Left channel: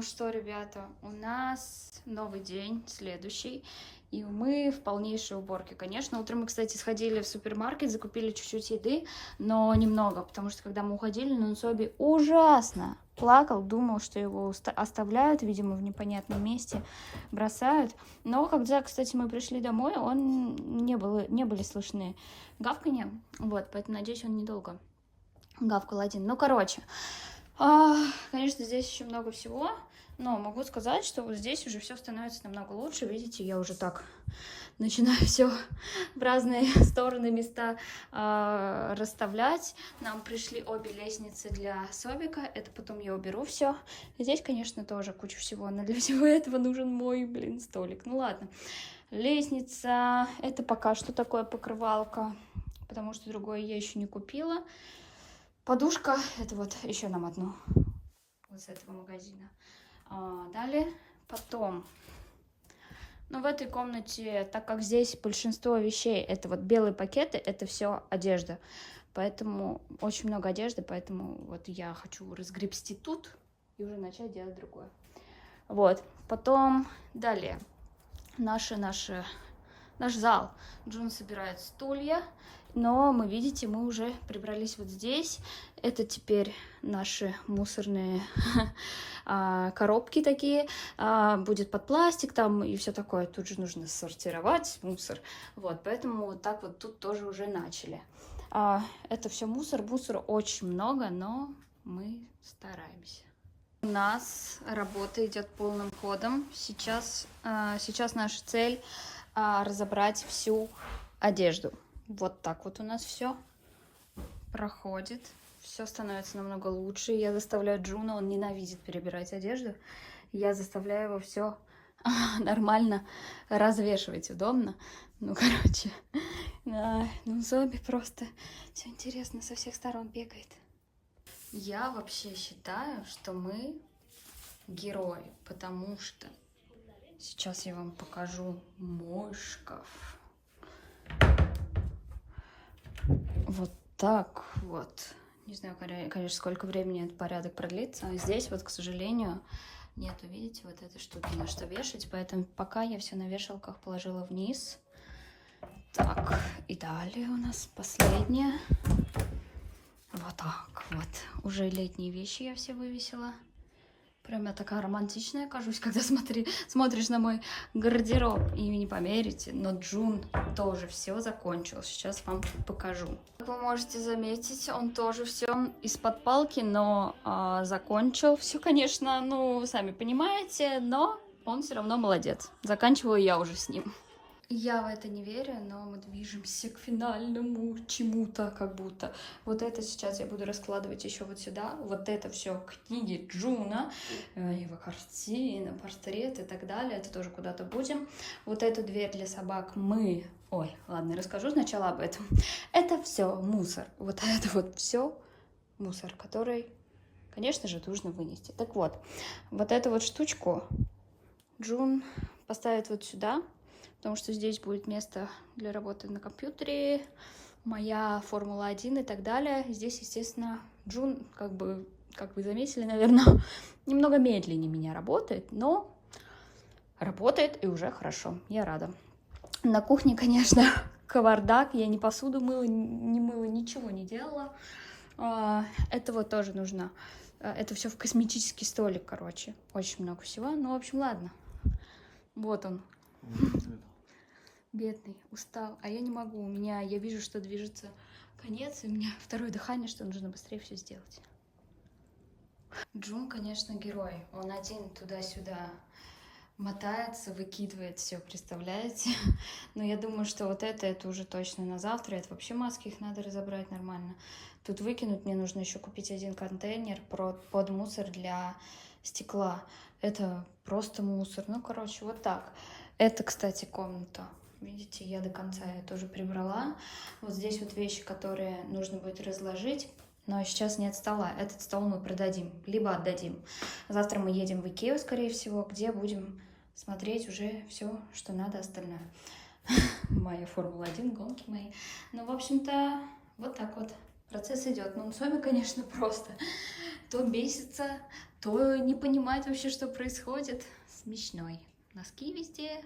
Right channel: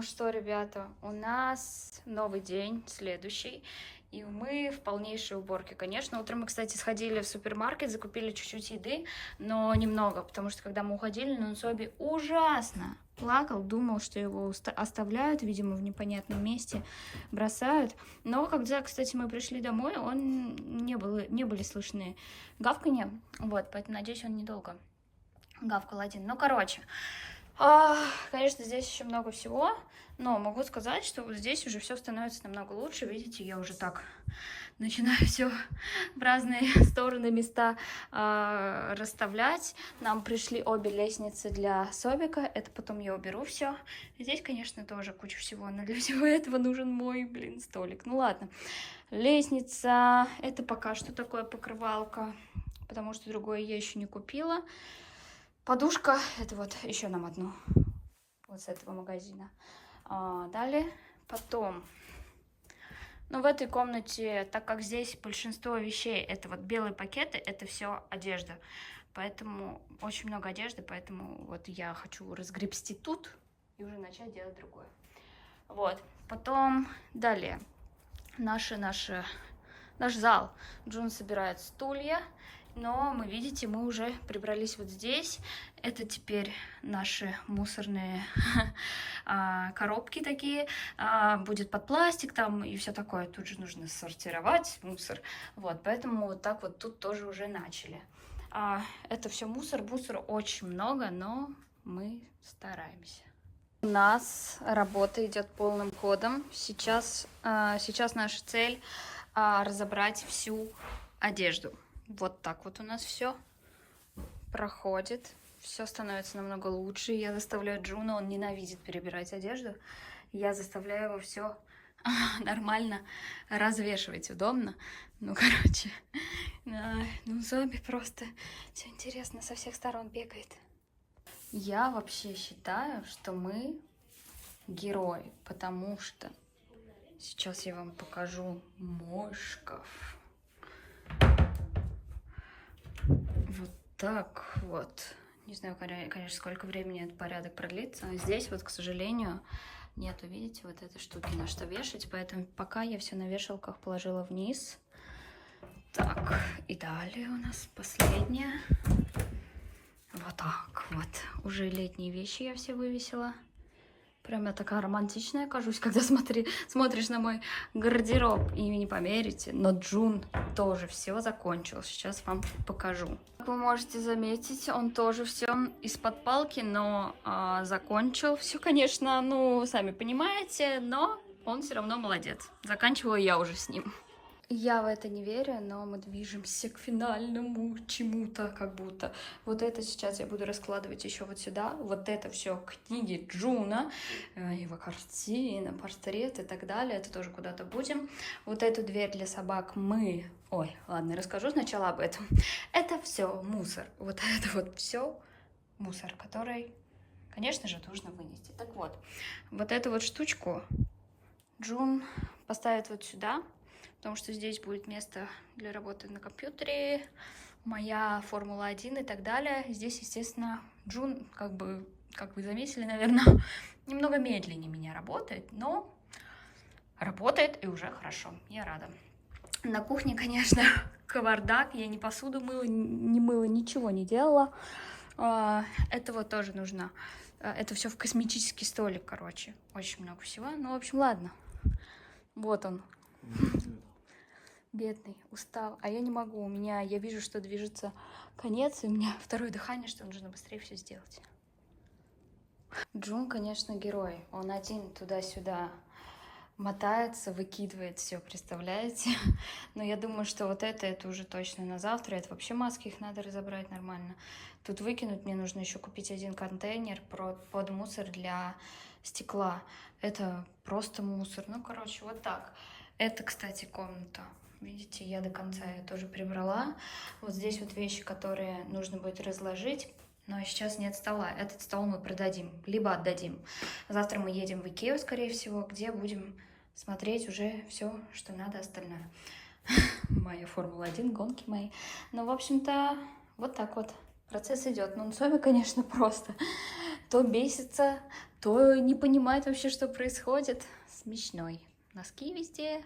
Ну что, ребята, у нас новый день, следующий, и мы в полнейшей уборке. Конечно, утром мы, кстати, сходили в супермаркет, закупили чуть-чуть еды, но немного, потому что когда мы уходили, Нунсоби ужасно плакал, думал, что его оставляют, видимо, в непонятном месте, бросают. Но когда, кстати, мы пришли домой, не были слышны гавканья, вот, поэтому, надеюсь, он недолго гавкал один. Ну, короче... Конечно, здесь еще много всего, но могу сказать, что вот здесь уже все становится намного лучше. Видите, я уже так начинаю все в разные стороны, места расставлять. Нам пришли обе лестницы для Собика, это потом я уберу все. Здесь, конечно, тоже куча всего, но для всего этого нужен мой, столик. Ну ладно. Лестница, это пока что такое покрывалка, потому что другое я еще не купила. Подушка, это вот еще нам одну, вот с этого магазина. Далее, потом, ну в этой комнате, так как здесь большинство вещей, это вот белые пакеты, это все одежда. Поэтому очень много одежды, поэтому вот я хочу разгребсти тут и уже начать делать другое. Вот, потом, далее, наш зал. Джун собирает стулья. Но мы, видите, мы уже прибрались вот здесь. Это теперь наши мусорные коробки такие. Будет под пластик там и все такое. Тут же нужно сортировать мусор. Вот, поэтому вот так вот тут тоже уже начали. Это все мусор. Мусора очень много, но мы стараемся. У нас работа идет полным ходом. Сейчас наша цель разобрать всю одежду. Вот так вот у нас все проходит. Все становится намного лучше. Я заставляю Джуна, он ненавидит перебирать одежду. Я заставляю его все нормально развешивать, удобно. Ну, короче, ну, Зоби просто все интересно, со всех сторон бегает. Я вообще считаю, что мы герои, потому что сейчас я вам покажу мой шкаф. Вот так вот. Не знаю, конечно, сколько времени этот порядок продлится. А здесь вот, к сожалению, нету, видите, вот этой штуки, на что вешать. Поэтому пока я все на вешалках положила вниз. Так, и далее у нас последнее. Вот так вот. Уже летние вещи я все вывесила. Прям я такая романтичная кажусь, когда смотришь на мой гардероб. И не поверите, но Джун тоже все закончил. Сейчас вам покажу. Как вы можете заметить, он тоже все из-под палки, но закончил. Все, конечно, ну, сами понимаете, но он все равно молодец. Заканчиваю я уже с ним. Я в это не верю, но мы движемся к финальному чему-то, как будто. Вот это сейчас я буду раскладывать еще вот сюда. Вот это все книги Джуна, его картины, портреты и так далее. Это тоже куда-то будем. Вот эту дверь для собак мы... Ой, ладно, расскажу сначала об этом. Это все мусор. Вот это вот все мусор, который, конечно же, нужно вынести. Так вот, вот эту вот штучку Джун поставит вот сюда. Потому что здесь будет место для работы на компьютере, моя Формула-1 и так далее. Здесь, естественно, Джун, как вы заметили, наверное, немного медленнее меня работает, но работает и уже хорошо, я рада. На кухне, конечно, кавардак, я ни посуду мыла, ничего не делала. Это вот тоже нужно, это все в косметический столик, короче, очень много всего. Ну, в общем, ладно, вот он. Бедный, устал, а я не могу, я вижу, что движется конец, и у меня второе дыхание, что нужно быстрее все сделать. Джун, конечно, герой, он один туда-сюда мотается, выкидывает все, представляете? Но я думаю, что вот это уже точно на завтра, это вообще маски, их надо разобрать нормально. Тут выкинуть мне нужно еще купить один контейнер под мусор для стекла. Это просто мусор, ну, короче, вот так. Это, кстати, комната. Видите, я до конца ее тоже прибрала. Вот здесь вот вещи, которые нужно будет разложить. Но сейчас нет стола. Этот стол мы продадим, либо отдадим. Завтра мы едем в Икею, скорее всего, где будем смотреть уже все, что надо остальное. Моя Формула-1, гонки мои. Ну, в общем-то, вот так вот. Процесс идет. Ну, Соми, конечно, просто то бесится, то не понимает вообще, что происходит. Смешной. Носки везде.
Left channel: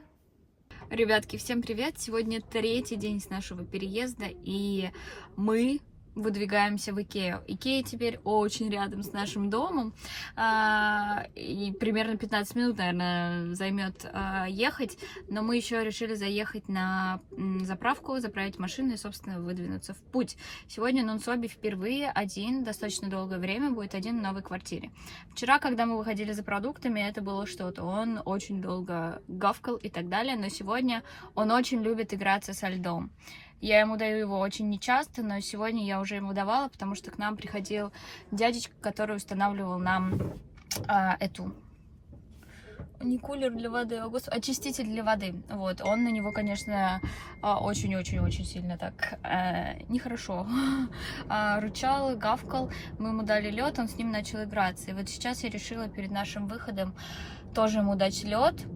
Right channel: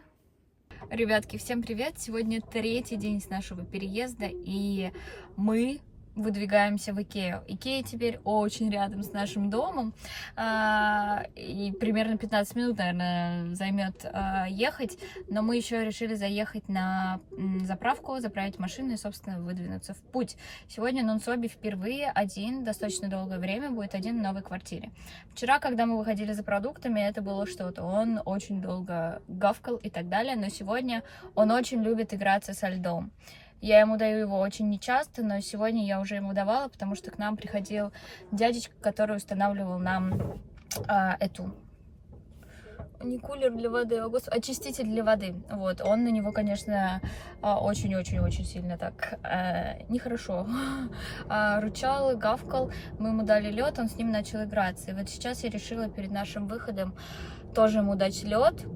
Ребятки, всем привет! Сегодня третий день с нашего переезда, и мы выдвигаемся в Икею. Икея теперь очень рядом с нашим домом, и примерно 15 минут, наверное, займет ехать, но мы еще решили заехать на заправку, заправить машину и, собственно, выдвинуться в путь. Сегодня Нонсоби впервые один, достаточно долгое время, будет один в новой квартире. Вчера, когда мы выходили за продуктами, это было что-то. Он очень долго гавкал и так далее, но сегодня он очень любит играться со льдом. Я ему даю его очень нечасто, но сегодня я уже ему давала, потому что к нам приходил дядечка, который устанавливал нам не кулер для воды, а очиститель для воды. Вот, он на него, конечно, очень-очень-очень сильно так нехорошо рычал, гавкал. Мы ему дали лед, он с ним начал играться. И вот сейчас я решила перед нашим выходом тоже ему дать лед.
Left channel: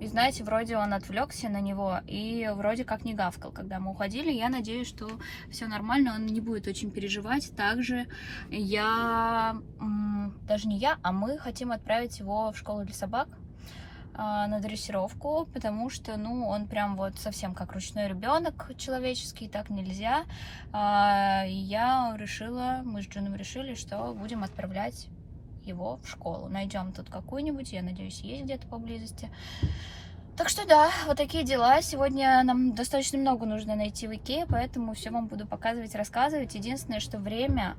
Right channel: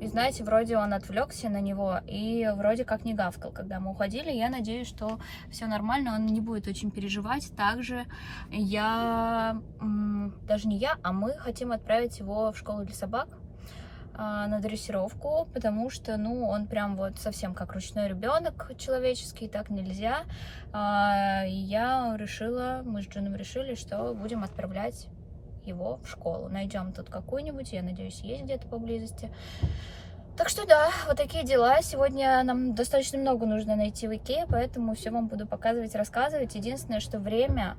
И знаете, вроде он отвлекся на него и вроде как не гавкал, когда мы уходили. Я надеюсь, что все нормально, он не будет очень переживать. Также даже не я, а мы хотим отправить его в школу для собак на дрессировку, потому что, ну, он прям вот совсем как ручной ребенок человеческий, так нельзя. И я решила, мы с Джуном решили, что будем отправлять его в школу. Найдем тут какую-нибудь, я надеюсь, есть где-то поблизости. Так что да, вот такие дела. Сегодня нам достаточно много нужно найти в Икее, поэтому все вам буду показывать, рассказывать. Единственное, что время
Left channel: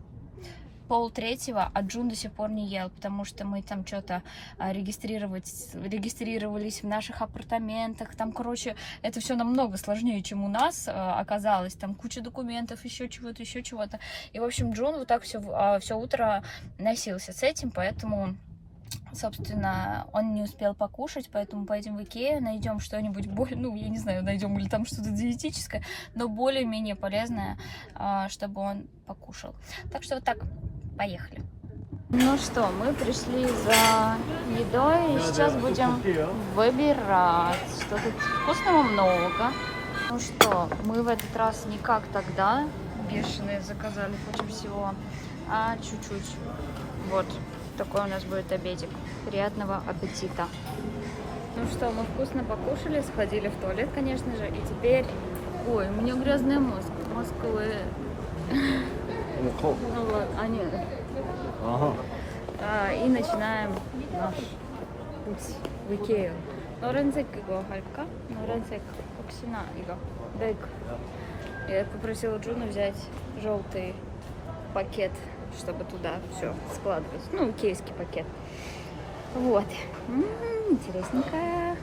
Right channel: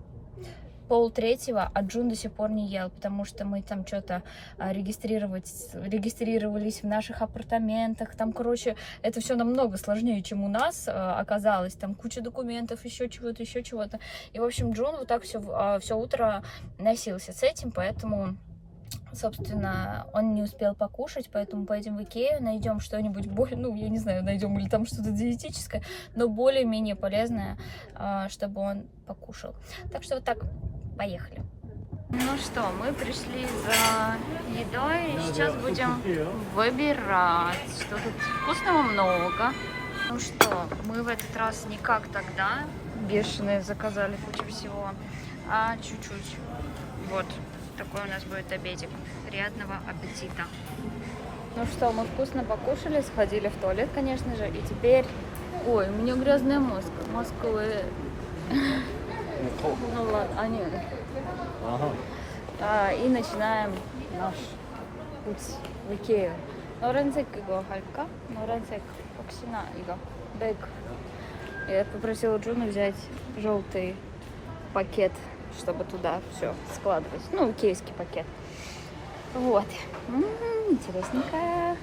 2:30, а Джун до сих пор не ел, потому что мы там что-то регистрировались в наших апартаментах. Там, короче, это все намного сложнее, чем у нас оказалось. Там куча документов, еще чего-то. И, в общем, Джун вот так все утро носился с этим, поэтому, собственно, он не успел покушать, поэтому поедем в Икею, найдем что-нибудь более, ну, я не знаю, найдем или там что-то диетическое, но более-менее полезное, чтобы он покушал. Так что вот так, поехали. Ну что, мы пришли за едой, и сейчас будем выбирать, что тут вкусного много. Ну что, мы в этот раз не как тогда, бешеные, заказали кучу всего, а чуть-чуть. Вот. Такой у нас будет обедик. Приятного аппетита. Ну что, мы вкусно покушали, сходили в туалет, конечно же, и теперь... Ой, у меня грязный мозг. Ну ладно, нет. И начинаем наш путь в Икею. 노란색 이거 할까? 노란색 혹시나 이거. 네. Я попросила Джуна взять желтый пакет, чтобы туда все складывать. Ну, икеевский пакет. Вот. Интересненькая.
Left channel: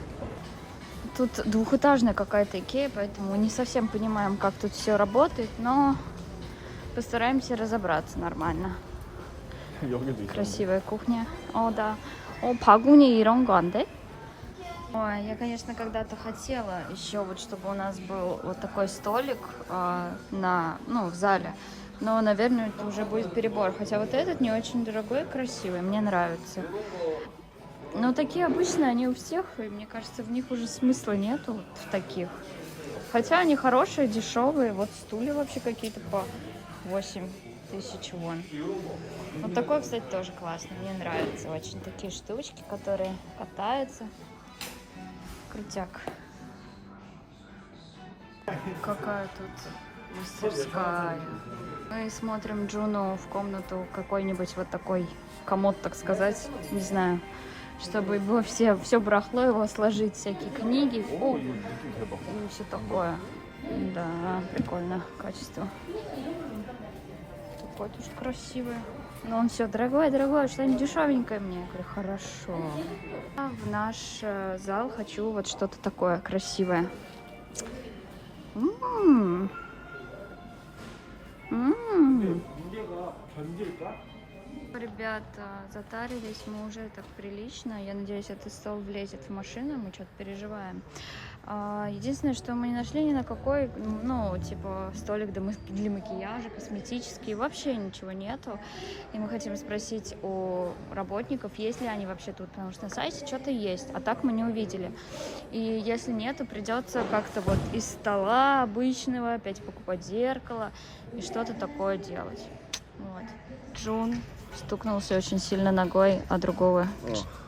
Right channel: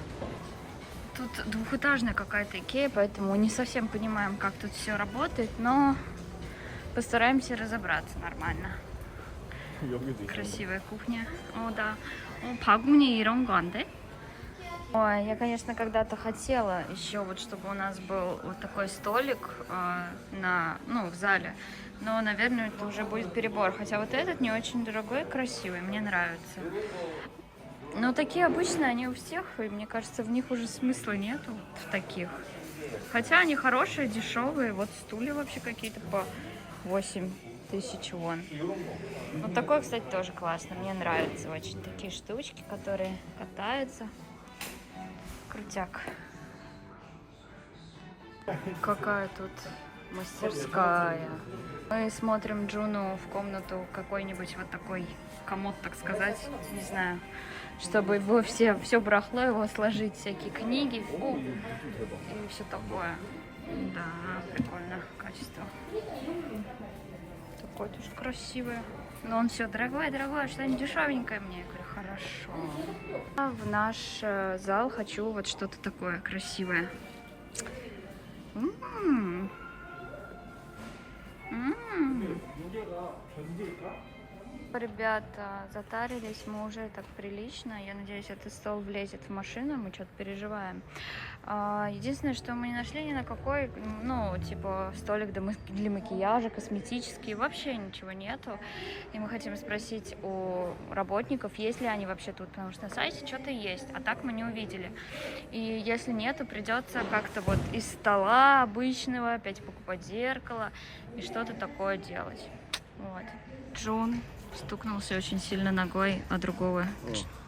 Тут двухэтажная какая-то Икея, поэтому не совсем понимаем, как тут все работает, но постараемся разобраться нормально. Красивая кухня. О, да. О, 바구니 이런 거 안 돼? Ой, я, конечно, когда-то хотела еще вот, чтобы у нас был вот такой столик в зале. Но, наверное, это уже будет перебор. Хотя вот этот не очень дорогой и красивый, мне нравится. Но такие обычные, они у всех, и мне кажется, в них уже смысла нету, вот в таких. Хотя они хорошие, дешевые. Вот стулья вообще какие-то по 8000 вон. Вот такой, кстати, тоже классно. Мне нравятся очень такие штучки, которые катаются. Крутяк. Какая тут мастерская. Мы смотрим Джуну в комнату какой-нибудь вот такой комод, так сказать, не знаю, чтобы его все барахло его сложить, всякие книги, и все такое. Да, прикольно, качество. Такое тоже красивое. Но он все дорогое, что-нибудь дешевенькое мне. Я говорю, хорошо. А в наш зал хочу вот что-то такое красивое. Ребята, затарились мы уже так прилично. Я надеюсь, этот стол влезет в машину, мы что-то переживаем. Единственное, что мы не нашли ни на какой, ну, типа, столик для макияжа, косметический, вообще ничего нету. И мы хотим спросить у работников, есть ли они вообще тут, потому что на сайте что-то есть, а так мы не увидели. И если нету, придется как-то вот из стола обычного опять покупать зеркало и что-то такое делать. Вот. Джун стукнулся очень сильно ногой о другого,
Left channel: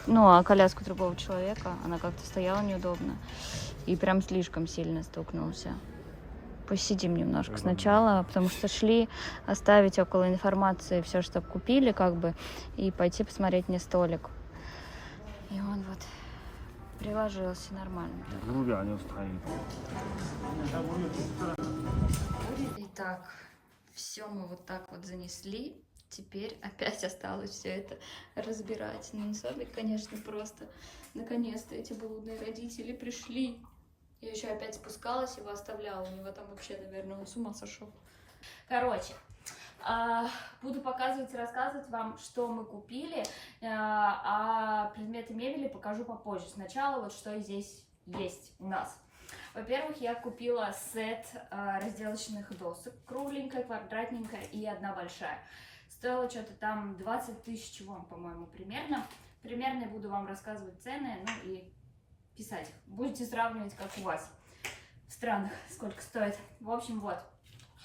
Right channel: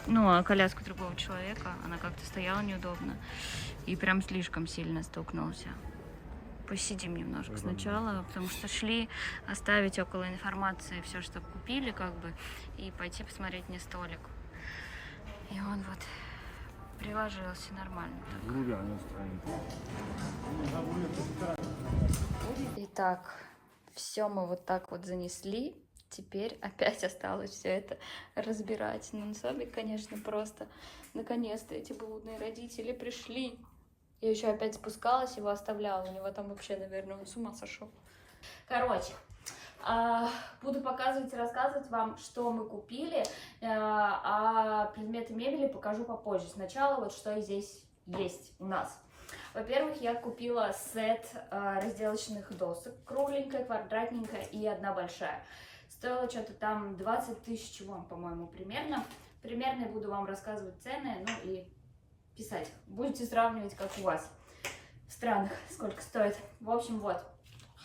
о коляску другого человека. Она как-то стояла неудобно и прям слишком сильно стукнулся. Посидим немножко сначала, потому что шли оставить около информации все, что купили, как бы, и пойти посмотреть мне столик. И он вот приложился нормально. Итак, все мы вот так вот занесли. Теперь опять осталось все это разбирать. Ну, на самом деле, конечно, просто наконец-то эти блудные родители пришли. Я еще опять спускалась, его оставляла. У него там вообще, наверное, он с ума сошел. Короче, буду показывать и рассказывать вам, что мы купили, а предметы мебели покажу попозже. Сначала вот что здесь есть у нас. Во-первых, я купила сет разделочных досок, кругленькая, квадратненькая и одна большая. Стоило что-то там 20 тысяч вон, по-моему, примерно. Примерно буду вам рассказывать цены, ну и писать. Будете сравнивать, как у вас в странах, сколько стоит. В общем, вот,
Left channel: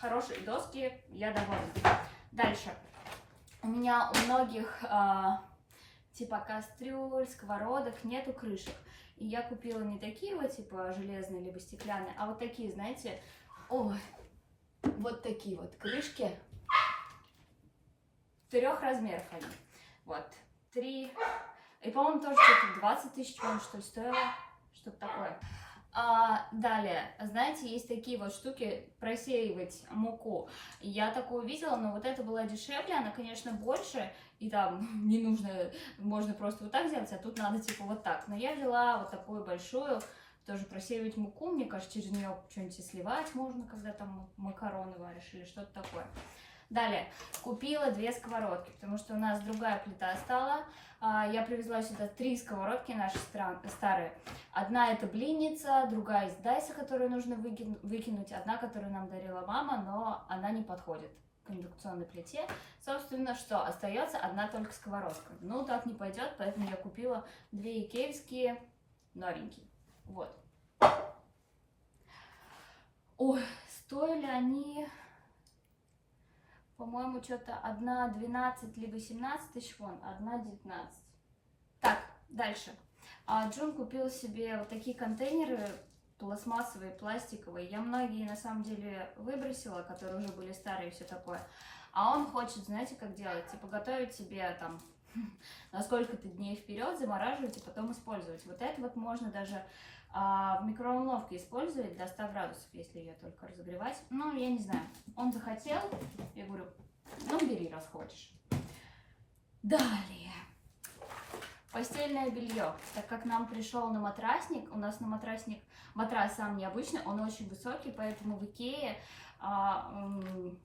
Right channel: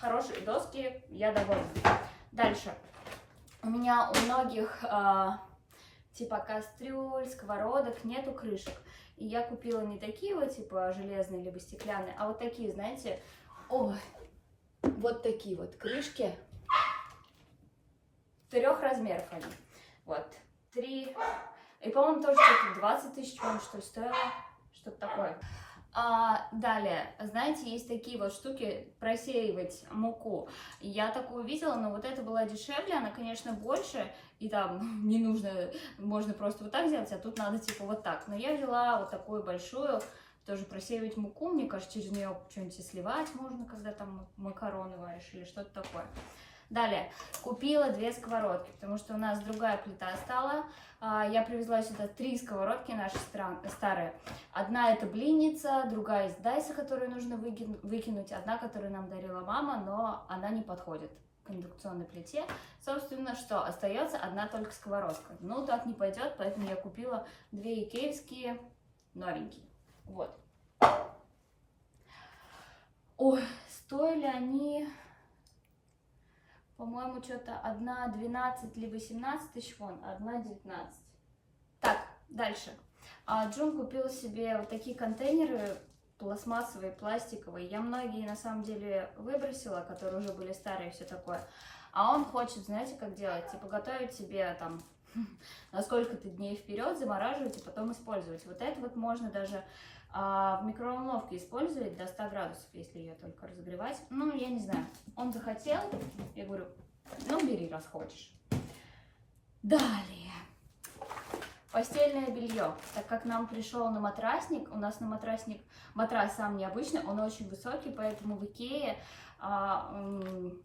хорошие доски, я довольна. Дальше. У меня у многих типа кастрюль, сковородок нету крышек. И я купила не такие вот, типа железные, либо стеклянные, а вот такие, знаете, вот такие вот крышки. 3 размеров они. Вот, 3. И, по-моему, тоже что-то 20 тысяч, по-моему, что ли, стоило. Что-то такое. Далее, знаете, есть такие вот штуки, просеивать муку. Я такую видела, но вот эта была дешевле, она, конечно, больше. И там не нужно, можно просто вот так сделать, а тут надо типа вот так. Но я взяла вот такую большую, тоже просеивать муку. Мне кажется, через нее что-нибудь сливать можно, когда там макароны варишь или что-то такое. Далее, купила 2 сковородки, потому что у нас другая плита стала. Я привезла сюда 3 сковородки наши старые. Одна это блинница, другая из Дайса, которую нужно выкинуть. Одна, которую нам дарила мама, но она не подходит к индукционной плите. Собственно, что? Остается одна только сковородка. Ну, так не пойдет, поэтому я купила 2 икеевские новенькие. Вот. Ой, стоили они... По-моему, что-то одна 12 либо 17 тысяч вон, одна 19. Так, дальше. Джун купил себе вот такие контейнеры пластмассовые, пластиковые. Я многие на самом деле выбросила, которые уже были старые и все такое. А он хочет, знаете, как делать? Типа готовить себе там на сколько-то дней вперед, замораживать и потом использовать. Вот это вот можно даже в микроволновке использовать до 100 градусов, если ее только разогревать. Ну, я не знаю. Он захотел, я говорю, ну, бери, раз хочешь. Далее. Постельное белье. Так как нам пришел на матрасник, у нас на матрасник, матрас сам необычный, он очень высокий, поэтому в Икее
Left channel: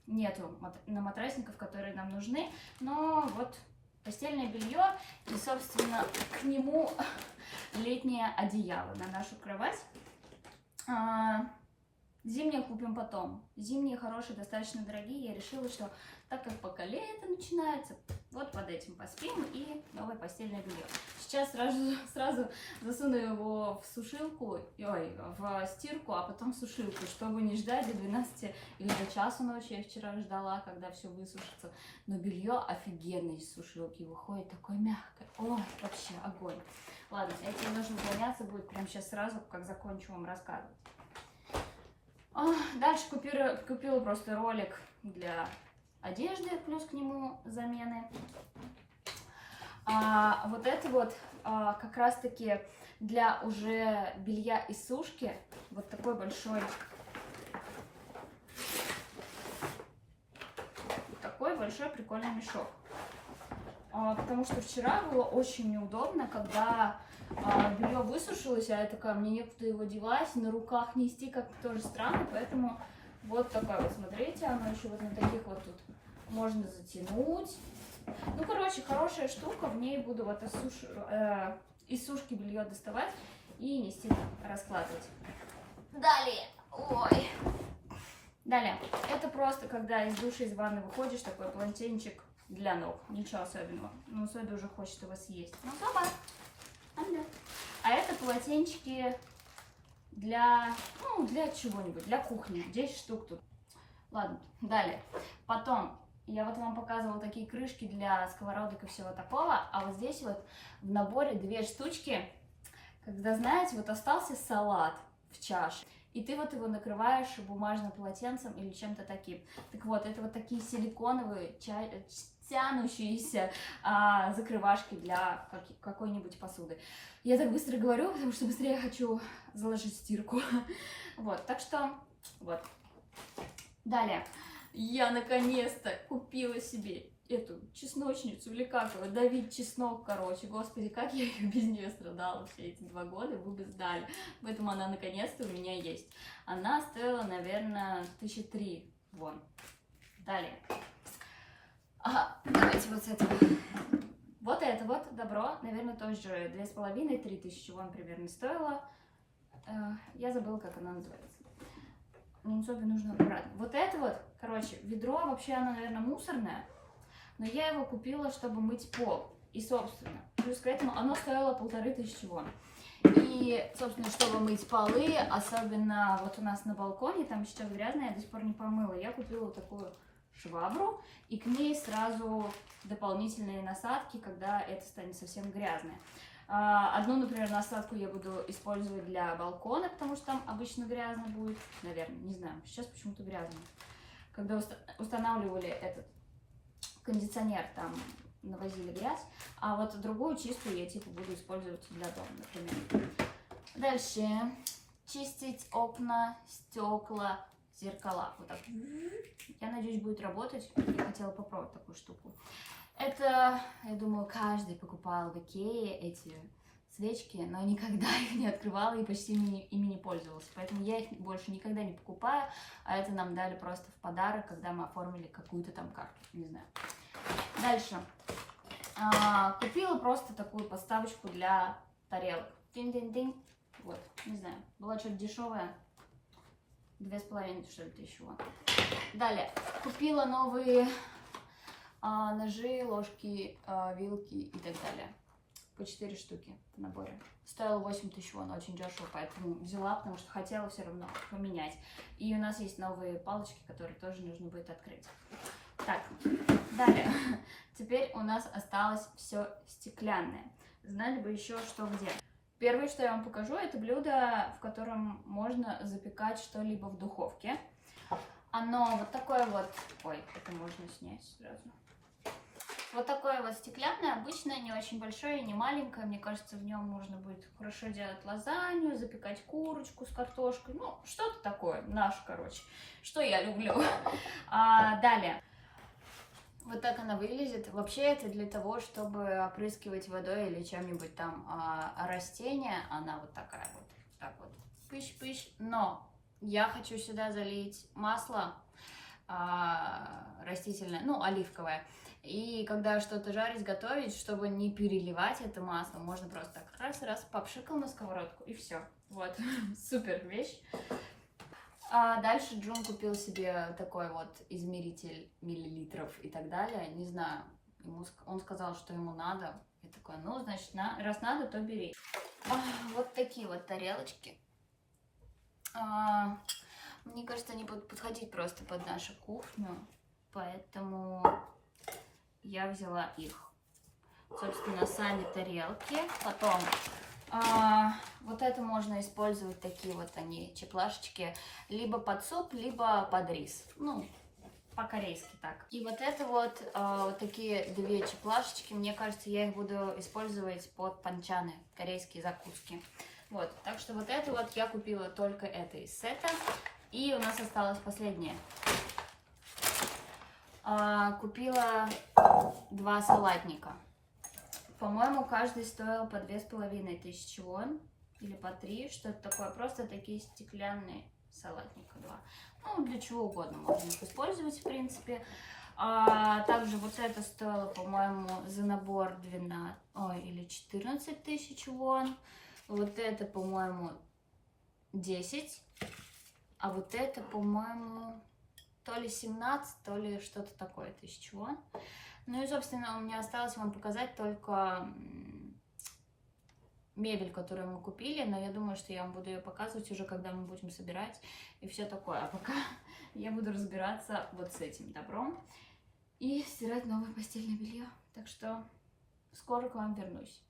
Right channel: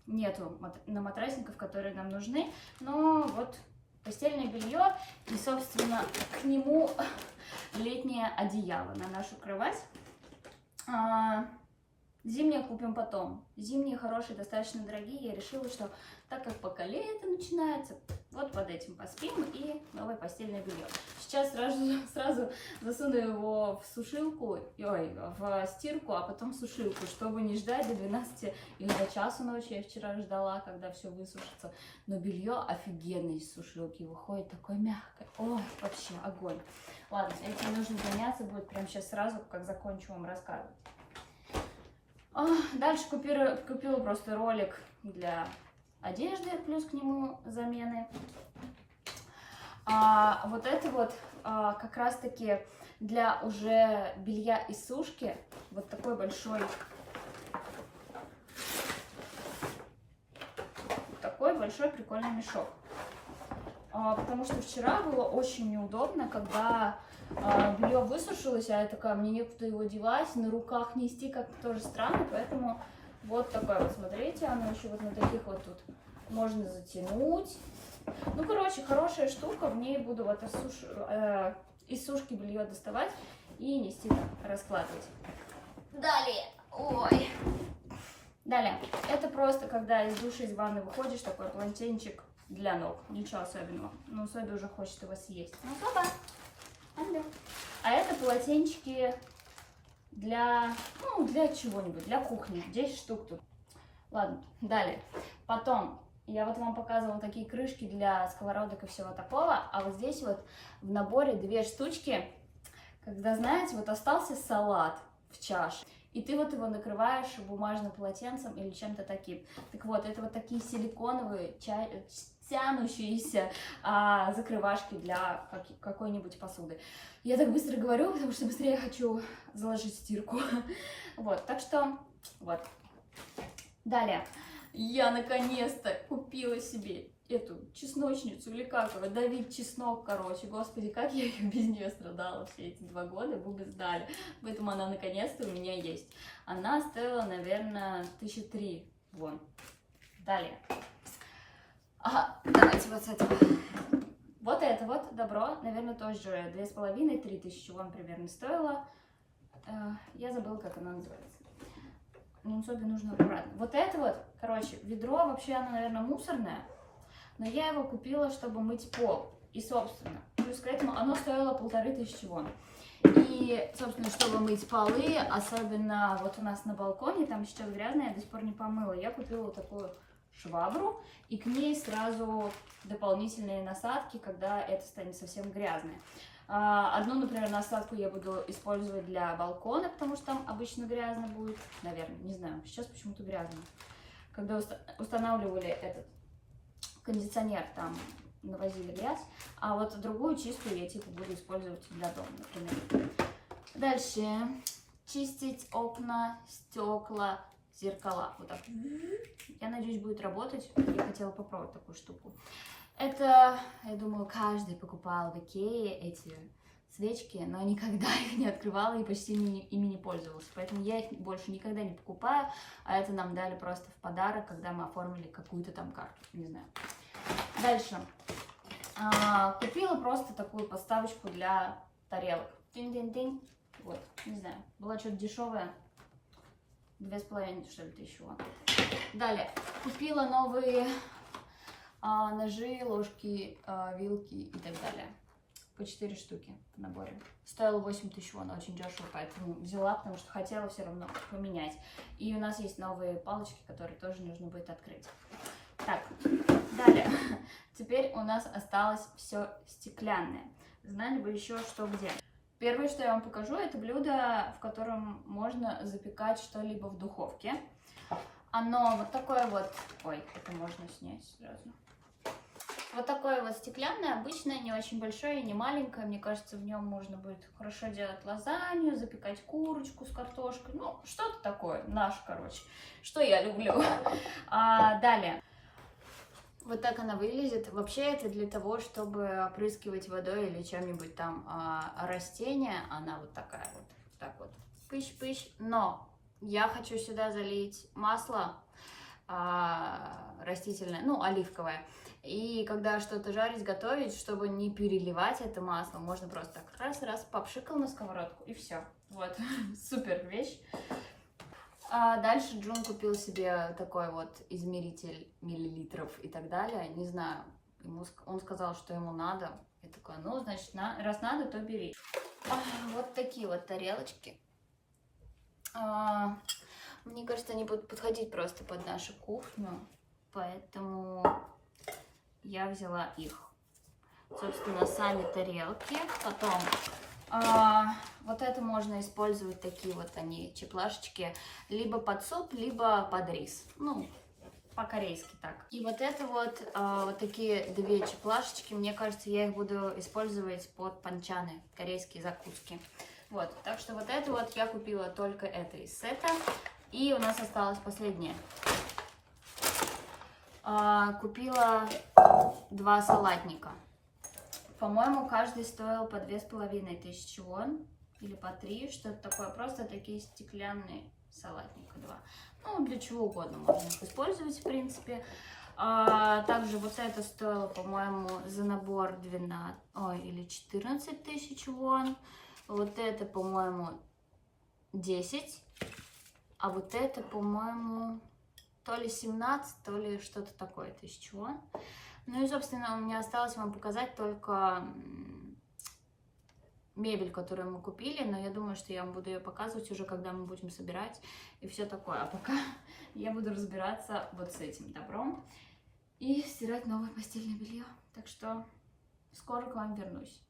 нету на матрасников, которые нам нужны. Но вот постельное белье и, собственно, к нему летнее одеяло на нашу кровать. Зимние купим потом. Зимние хорошие, достаточно дорогие. Я решила, что так как пока лето начинается, вот под этим поспим и новое постельное белье. Сейчас сразу засуну его в сушилку, в стирку, а потом в сушилку, чтобы не ждать до 12 или до часу ночи. Я вчера ждала, когда все высушится. Но белье офигенно из сушилки выходит, такое мягкое. О, вообще огонь. Ладно, этим нужно заняться будет прямо сейчас сразу, как закончу вам рассказывать. Дальше купила просто ролик для одежды, плюс к нему замены. Вот это вот как раз таки для уже белья из сушки. Вот такой большой прикольный мешок. Потому что вчера было очень неудобно, когда белье высушилось, а я такая, мне некуда его девать, на руках нести как-то тоже странно, поэтому вот такое вот, смотрите, оно еще вот на таких вот тут можно затянуть, Ну, короче, хорошая штука, в ней буду вот из сушки белье доставать и нести так, раскладывать. Далее, ой. Далее, это просто, когда из душа, из ванны выходишь, такой полотенчик для ног, ничего особенного. Но Соби уже хочет его съесть. Ну, папа. А это полотенчики для, ну, для чего-нибудь, для кухни. 10 штук тут. Ладно, далее. Потом, я вот вам показывала такие крышки для сковородок и всего такого. А вот здесь вот в наборе 2 штучки. Когда, знаете, вот остался салат в чаше. И ты вот его накрываешь бумажным полотенцем или чем-то таким. Так вот, это вот такие силиконовые, тянущиеся закрывашки для какой-нибудь посуды. Я так быстро говорю, потому что быстрее хочу заложить стирку. Вот, так что, вот. Далее, я наконец-то купила себе эту чесночницу, или как его, давить чеснок, короче. Господи, как я ее без нее страдала все эти 2 года, вы бы знали. Поэтому она наконец-то у меня есть. Она стоила, наверное, 1003 вон. Далее. Ага, давайте вот с этого. Вот это вот добро, наверное, тоже 2500-3 тысячи вон примерно стоило. Я забыла, как она называется. Нунцобе нужно аккуратно. Вот это вот, короче, ведро, вообще оно, наверное, мусорное. Но я его купила, чтобы мыть пол. И, собственно, плюс к этому оно стоило 1500 вон. И, собственно, чтобы мыть полы, особенно вот у нас на балконе, там сейчас грязно, я до сих пор не помыла. Я купила вот такую швабру, и к ней сразу дополнительные насадки, когда это станет совсем грязное. Одну, например, насадку я буду использовать для балкона, потому что там обычно грязно будет. Наверное, не знаю, сейчас почему-то грязно. Когда устанавливали этот кондиционер, там навозили грязь, а вот другую чистую я типа буду использовать для дома, например. Дальше чистить окна, стекла, зеркала. Вот так. Я надеюсь, будет работать. Я хотела попробовать такую штуку. Это, я думаю, каждый покупал в Икее эти свечки, но никогда их не открывала и почти ими не пользовалась. Поэтому я их больше никогда не покупаю, а это нам дали просто в подарок, когда мы оформили какую-то там карту, не знаю. Дальше. Купила просто такую подставочку для тарелок. Динь-динь-динь. Вот, не знаю, была что-то дешевая. 2500, что ли, тысячи. Далее. Купила новые ножи, ложки, вилки и так далее. По 4 штуки в наборе. Стоило 8000 вон, очень дешево, поэтому взяла, потому что хотела все равно поменять. И у нас есть новые палочки, которые тоже нужно будет открыть. Так, далее. Теперь у нас осталось все стеклянное. Знали бы еще что где. Первое, что я вам покажу, это блюдо, в котором можно запекать что-либо в духовке. Оно вот такое вот... Ой, это можно снять сразу. Вот такое вот стеклянное, обычное, не очень большое и не маленькое. Мне кажется, в нем можно будет хорошо делать лазанью, запекать курочку с картошкой. Ну, что-то такое, наше, короче, что я люблю. Далее. Вот так она выглядит. Вообще это для того, чтобы опрыскивать водой или чем-нибудь там растения. Она вот такая вот, так вот, пыщ-пыщ. Но я хочу сюда залить масло растительное, ну, оливковое. И когда что-то жарить, готовить, чтобы не переливать это масло, можно просто так раз-раз попшикал на сковородку и все. Вот, супер вещь. Дальше Джун купил себе такой вот измеритель миллилитров и так далее. Не знаю, он сказал, что ему надо. Я такая, ну, значит, раз надо, то бери. Вот такие вот тарелочки. Мне кажется, они будут подходить просто под нашу кухню, поэтому я взяла их. Собственно, сами тарелки. Потом вот это можно использовать, такие вот они, чеплашечки, либо под суп, либо под рис. Ну, по-корейски так. И вот это вот, вот такие 2 чеплашечки, мне кажется, я их буду использовать под панчаны, корейские закуски. Вот, так что вот это вот я купила только это из сета. И у нас осталось последнее. Купила 2 салатника. По-моему, каждый стоил по 2500 вон. Или по 3, что-то такое. Просто такие стеклянные салатника 2. Ну, для чего угодно можно их использовать, в принципе. Также вот это стоило, по-моему, за набор 12, ой, или 14 тысяч вон. Вот это, по-моему, 10. А вот это, по-моему, то ли 17, то ли что-то такое тысяч вон. Ну и, собственно, у меня осталось вам показать только мебель, которую мы купили, но я думаю, что я вам буду ее показывать уже, когда мы будем собирать и все такое. А пока я буду разбираться вот с этим добром и стирать новое постельное белье. Так что скоро к вам вернусь.